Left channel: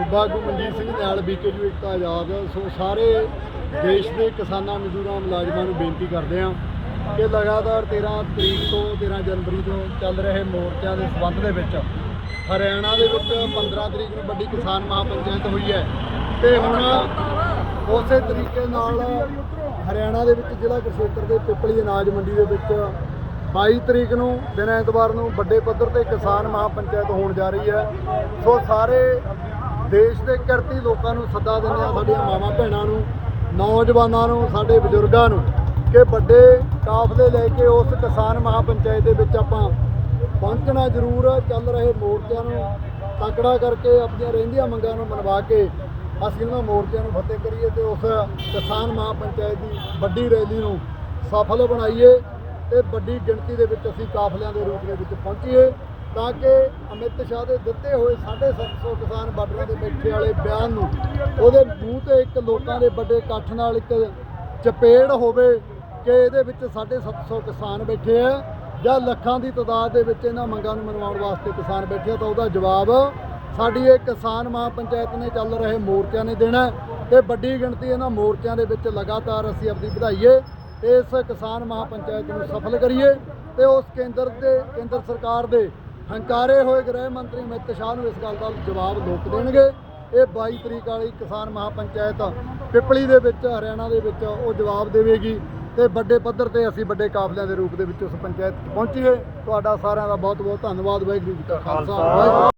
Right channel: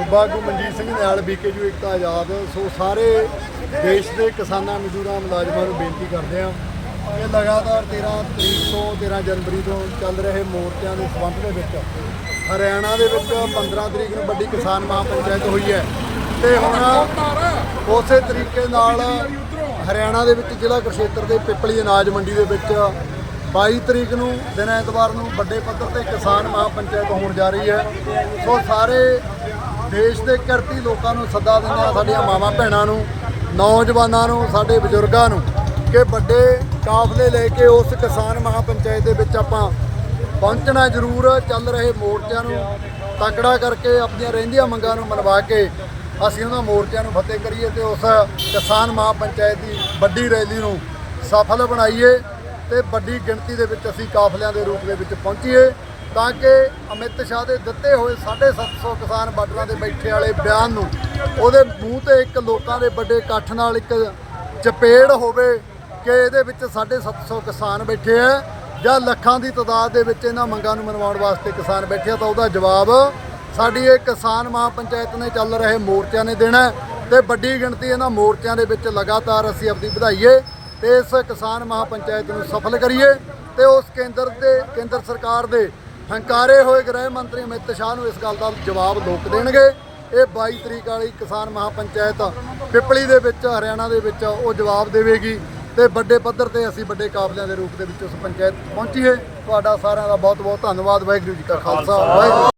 ਸੂਬਾ ਆਗੂ ਮਨਜੀਤ ਸਿੰਘ ਨਾਲ ਬੀਕੇਯੂ ਇਕਤਾ ਆਜ਼ਾਦ। ਸੋ ਸਾਰੇ ਦੇਸ਼ ਦੇ ਕਿਸਾਨਾਂ, ਮਜ਼ਦੂਰਾਂ, ਮੁਲਾਜ਼ਮਾਂ ਨੂੰ ਬੇਨਤੀ ਕਰਦੇ ਹਾਂ ਕਿ ਲਗਾਤਾਰ 13 ਤਰੀਕ ਤੋਂ 13 ਜਨਵਰੀ ਤੋਂ ਚੱਲ ਰਹੇ ਮੋਰਚਿਆਂ ਦੇ ਸੰਬੰਧ ਦੇ ਵਿੱਚ ਹਰਿਆਣਾ ਦੇ ਵਿੱਚ 15 ਤਰੀਕ ਨੂੰ ਵੱਡੀ ਕਿਸਾਨ ਮਹਾਪੰਚਾਇਤ ਹੋਈ ਹੈ ਤੇ ਹੁਣ ਉਸੇ ਤਰੀਕੇ ਨਾਲ ਹਰਿਆਣਾ ਦੇ ਵਿੱਚ ਜ਼ਿਲ੍ਹਾ ਕੁਰਸ਼ੇਤਰ ਦੇ ਪਿਪਲੀ ਅਨਾਜ ਮੰਡੀ ਦੇ ਵਿੱਚ 22 ਤਰੀਕ ਨੂੰ, ਦਿਨ ਐਤਵਾਰ ਨੂੰ ਵੱਡੇ ਪੱਧਰ ਤੇ ਕਿਸਾਨ ਮਹਾਪੰਚਾਇਤ ਹੋਣ ਜਾ ਰਹੀ ਹੈ। ਸੋ ਸਾਰੇ ਦੇਸ਼ ਦੇ ਕਿਰਤੀ ਲੋਕਾਂ ਨੂੰ ਸੱਦਾ ਦਿੰਦੇ ਆ ਸਾਡੀਆਂ ਮਾਵਾਂ ਭੈਣਾਂ ਨੂੰ, ਨੌਜਵਾਨਾਂ ਨੂੰ, ਸਾਡੇ ਬਜ਼ੁਰਗਾਂ ਨੂੰ, ਕਿ ਵੱਡੇ ਕਾਫਲੇ ਲੈ ਕੇ ਉਸ ਕਿਸਾਨ ਮਹਾਪੰਚਾਇਤ ਦੇ ਵਿੱਚ ਆਪਾਂ ਪਹੁੰਚਣਾ ਜ਼ਰੂਰ, ਚੱਲ ਰਹੇ ਮੋਰਚਿਆਂ ਨੂੰ ਤਕੜਾ ਕਰਕੇ, ਆਪਣੀਆਂ ਰਹਿੰਦੀਆਂ ਮੰਗਾਂ ਨੂੰ ਮਨਵਾ ਕੇ ਅਸੀਂ ਉਹਨਾਂ ਮੋਰਚਿਆਂ ਨੂੰ ਫਤਿਹ ਕਰੀਏ ਤੇ ਉਸ ਕਿਸਾਨ ਮਹਾਪੰਚਾਇਤ ਦੀ ਵੱਡੀ ਰੈਲੀ ਨੂੰ ਸਫਲ ਬਣਾਈਏ ਤੇ ਵੱਡੀ ਗਿਣਤੀ ਦੇ ਵਿੱਚ ਅਸੀਂ ਕਾਫਲਿਆਂ ਦੇ ਰੂਪ ਦੇ ਵਿੱਚ ਪਹੁੰਚੀਏ। ਤਾਂ ਕਿ ਅਮਿਤ ਸ਼ਾਹ ਦੇ ਦਿੱਤੇ ਹੋਏ 750 ਕਿਸਾਨ ਬਾਰਡਰਾਂ ਤੇ ਬੈਠੇ ਵਾਲੇ ਬਿਆਨ ਨੂੰ ਉਹਦੇ ਮੂੰਹ ਤੇ ਇੱਕ ਲੋਕਾਂ ਦੇ ਵੱਡੇ ਇਕੱਠ ਨਾਲ ਇੱਕ ਚਪੇੜ ਹੋਵੇ ਕਿ ਇਹਦੇ ਵਿੱਚ 750 ਕਿਸਾਨ ਬੈਠੇ ਆ ਜਾਂ ਲੱਖਾਂ ਦੀ ਤਾਦਾਦ ਦੇ ਵਿੱਚ ਇਹਨਾਂ ਮੰਗਾਂ ਨੂੰ ਮਨਵਾਉਣ ਵਾਸਤੇ ਕਿਸਾਨ ਬੈਠੇ ਆ, ਤਾਂ ਉਹਦਾ ਜਵਾਬ, ਸਾਡੀ ਇਹ ਕਿਸਾਨ ਮਹਾਪੰਚਾਇਤ ਨੇ ਚੱਲ ਰਹੇ ਮੋਰਚਿਆਂ ਨੇ ਦੇਣਾ ਹੈ ਤੇ ਵੱਡੀ ਗਿਣਤੀ ਇਹਨਾਂ ਮੋਰਚਿਆਂ ਦੇ ਵਿੱਚ ਲਗਾਤਾਰ ਅਸੀਂ ਆਪਣੀ ਵਧਾਈਏ ਤੇ ਇਸ ਕਿਸਾਨ ਮਹਾਪੰਚਾਇਤ ਨੂੰ ਸਫਲ ਕਰੀਏ ਤੇ ਉਸ ਕੇਂਦਰ ਦੇ, ਕੇਂਦਰ ਸਰਕਾਰ ਦੇ ਹੰਕਾਰੇ ਹੋਏ ਗ੍ਰਹਿ ਮੰਤਰੀ ਅਮਿਤ ਸ਼ਾਹ ਨੂੰ ਇਸ ਗੱਲ ਦਾ ਜਵਾਬ ਲੋਕ ਦੇਣਗੇ। ਇਹ 22 ਤਰੀਕ ਵਾਲੀ ਕਿਸਾਨ ਮਹਾਪੰਚਾਇਤ ਪਿਪਲੀ ਦੇ ਵਿੱਚ, ਹਰਿਆਣਾ ਦੇ ਵਿੱਚ ਉਹ ਜਵਾਬ ਦੇਵੇਗੀ ਤੇ ਵੱਡੇ ਪੱਧਰ ਤੇ ਅਸੀਂ ਵੱਡੇ ਕਾਫਲਿਆਂ ਦੇ ਰੂਪ ਦੇ ਵਿੱਚ ਉਸ ਪੰਚਾਇਤ ਪਹੁੰਚੀਏ। ਤੁਹਾਡਾ ਸਾਰਿਆਂ ਦਾ ਬਹੁਤ ਬਹੁਤ ਧੰਨਵਾਦ। ਵਾਹਿਗੁਰੂ ਜੀ ਕਾ ਖਾਲਸਾ, ਵਾਹਿਗੁਰੂ